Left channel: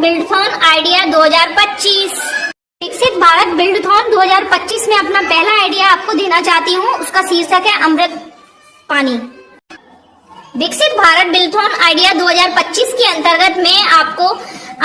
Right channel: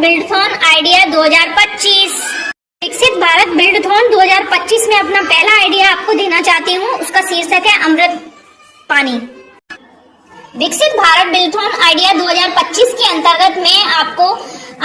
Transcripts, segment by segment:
बिल्डथॉन idea 2025। विकसित भारत बिल्डथॉन 2025 में अपना पहला आइडिया आपको देना चाहती हूँ। उसका शीर्षक है अमृत पानी। विकसित भारत बिल्डथॉन आइडिया 2025 के अंतर्गत मैं आपको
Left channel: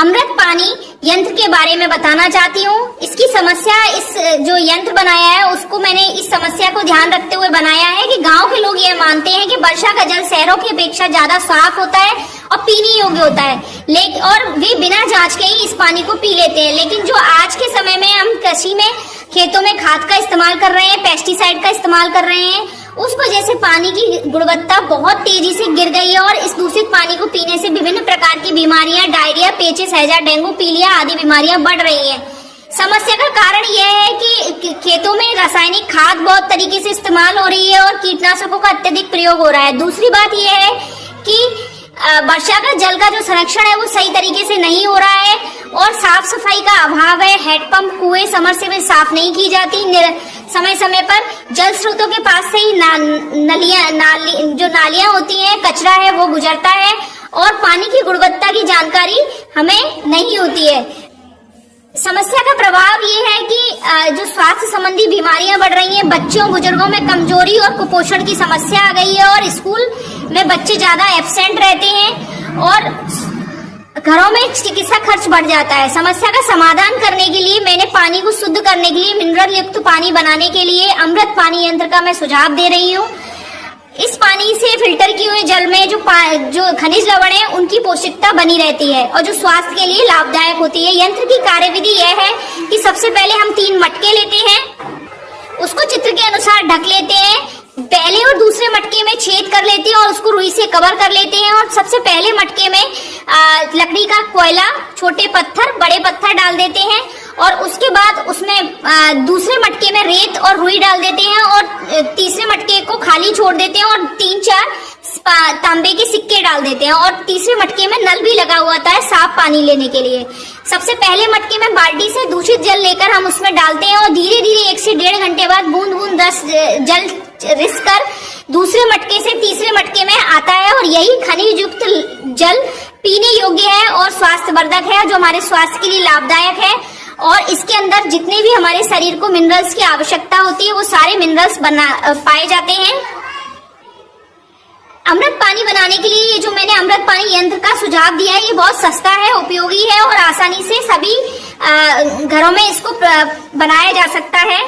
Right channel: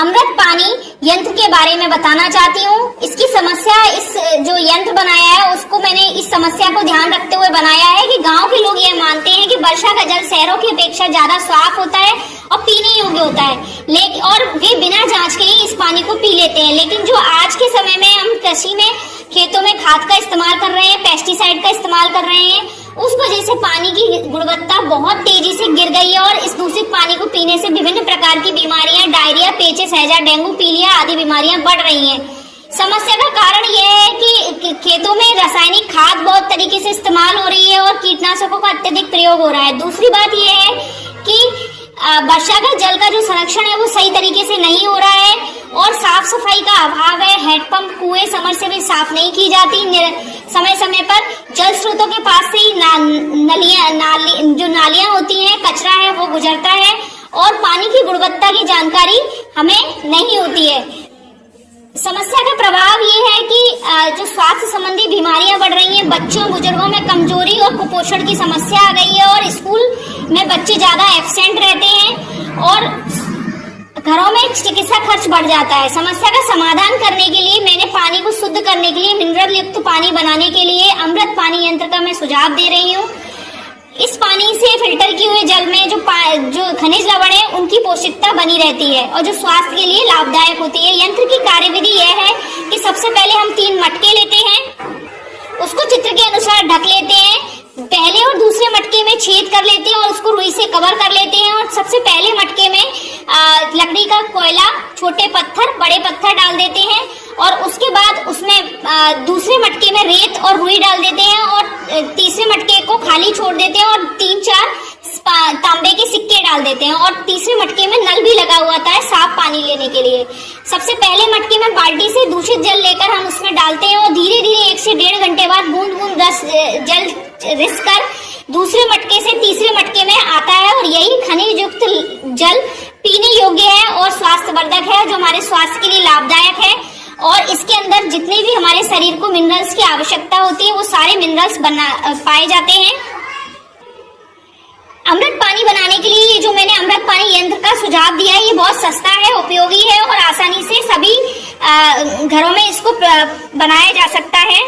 अमृत पानी यंत्र के बारे में बताना चाहती हूँ। इसकी समस्या, इस जो यंत्र बनाया है उसको मैंने इस समस्या को ध्यान रखते हुए बनाया है कि गांव के लोग यह मानते हैं कि वर्षा का जल शहरों की अपेक्षा ज्यादा साफ होता है और पीने योग्य होता है, लेकिन और वे बिना जांच के ही इस पानी को पी लेते हैं। लेकिन जो आज के समय में हम कृषि में खेतों में खाद का इस्तेमाल कर रहे हैं, पेस्टिसाइड का इस्तेमाल कर रहे हैं, उस वजह से पानी की गुणवत्ता बहुत तेजी से गिर गई है और इस दूषित पानी को पीने से विभिन्न प्रकार की बीमारियां, डायरिया, पेचिस, हैजा, डेंगू, पीलिया आदि बीमारियां बढ़ रही हैं। समस्या का कारण यह है कि खेतों में रासायनिक खाद बहुत तरीके से इस्तेमाल हो रही है और कीटनाशकों का अत्यधिक प्रयोग हो रहा है। दूसरी बात यह है कि वर्षा का जल का जो संरक्षण है वो सही तरीके से नहीं हो रहा है और साफ सफाई का अभाव है। हैंडपंप, कुएं, समरसेबल साफ नहीं की जाती। समय समय पर जल स्रोतों के पास से ही जो नालियां होती हैं, कचरा है वो गुजरता है और पानी की गुणवत्ता की जानकारी हमें नहीं होती है। समस्या का प्रभाव ये है कि जो स्वास्थ्य संबंधी बीमारियां बढ़ रही हैं, बच्चों बुजुर्गों में कमजोरी और कुपोषण की समस्या आ गई है और स्कूल में बच्चे ज्यादा एब्सेंट रहते हैं और घरों में चिकित्सा खर्च बढ़ जाता है। समस्या का समाधान करने के लिए मैंने पानी को शुद्ध करने के लिए, मिनरल युक्त पानी बनाने के लिए अमृत पानी यंत्र का मैं सुझाव दे रही हूँ। इस पानी से फिल्टर किए हुए जल में जो खनिज लवण है उनकी पौष्टिकता बनी रहती है और जो स्वास्थ्य के लिए लाभदायक होती है। यंत्र की कार्यविधि यह है कि सबसे पहले हम 3 मटके लेते हैं, उसको चित्र के अनुसार ढक लेते हैं, पहले और दूसरे मटके में छेद कर लेते हैं और उसको रुई से कवर कर लेते हैं और सबसे पहले मटके में लकड़ी का कोयला, छोटे पत्थर, बड़े पत्थर डाल देते हैं और उसके बाद उसमें दूसरे मटके में रेत और रुई डाल देते हैं और तीसरे मटके को खाली छोड़ देते हैं और 3-4 तांबे के सिक्के डाल देते हैं और तीसरे मटके में नल भी लगा हुआ था साफ पानी लेने के लिए। सबसे पहले मटके में बाल्टी से दूषित जल लेकर हम उसमें डालते हैं और धीरे धीरे 1 से 1.5 घंटे बाद बूंद बूंद जल रिस कर दूसरे मटके से तीसरे मटके में आता है और यही खनिज युक्त जल पीने योग्य है और स्वास्थ्यवर्धक है, जो हमारे स्वास्थ्य के लिए लाभदायक है और इसके अंदर जितने भी हमारे शरीर को मिनरल्स की आवश्यकता होती है वो सारे मिनरल्स पाए जाते हैं। अमृत पानी बनाने के लिए ये जो मैंने अमृत पानी यंत्र का सुझाव दिया है ये बहुत सस्ता है, उपयोगी है और आसानी से सभी घरों में इसको बनाया जा सकता है।